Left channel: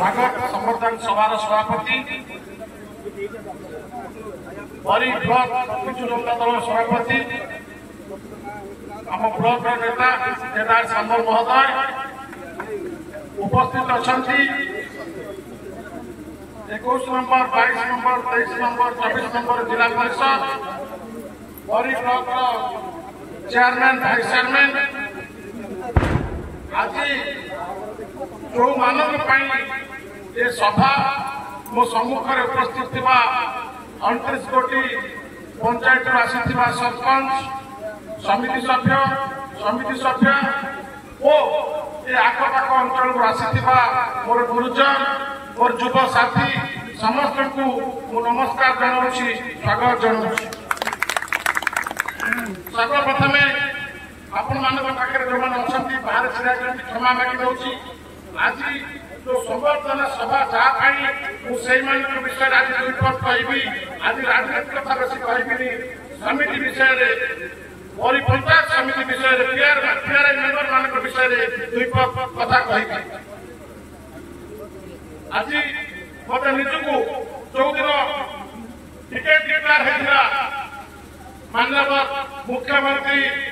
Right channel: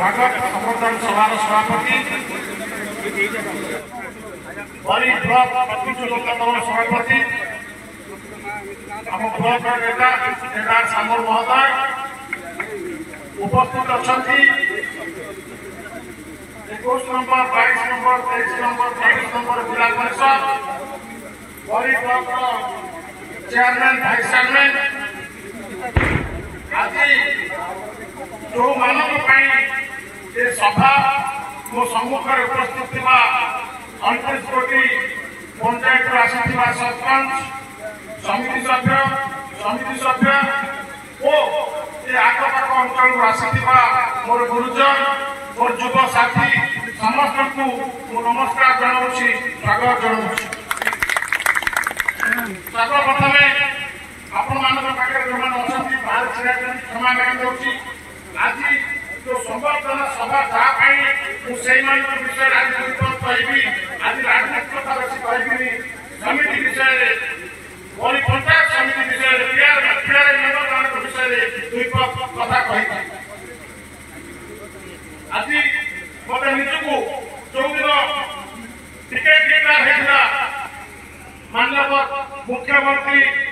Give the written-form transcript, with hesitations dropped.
स्वागत संवर्धन सभार सभापति बरी ब्लॉक प्रतिनिधि लोक दल सभापति आम ब्लॉक नेता केदार सामल महोदय उपस्थित अच्छा 21 नंबर 22 नंबर 23 नंबर 24 नंबर जिला परिषद बरी ब्लॉक चेयरमैन भाइस चेयरमैन आज जो मानव ये सभा मो सम्मुख उपस्थित 29 कोटी पंचायत आसी सरपंच समिति सभ्य और ये आखपाख अंचल आसी मोर गुरुजन मोर युव साथी समस्त को नमस्कार जनाऊँगी स्वागत जनाऊँगी। सर्वप्रथम आपण मान पाखे जो मैंने अच्छा बाहर छिड़ा क्षमा मांगी आज जो संवर्धन सभा जहाँ से विषय आज कहि आज राजनीति कथा बेस कहि समिति विषय बरी पंचायत समिति विषय पीआरआई मेंबर मान विषय दुई कथा कही आज मत निजको जो दिन टिकेट डिक्लेयर होता माननीय मुख्यमंत्री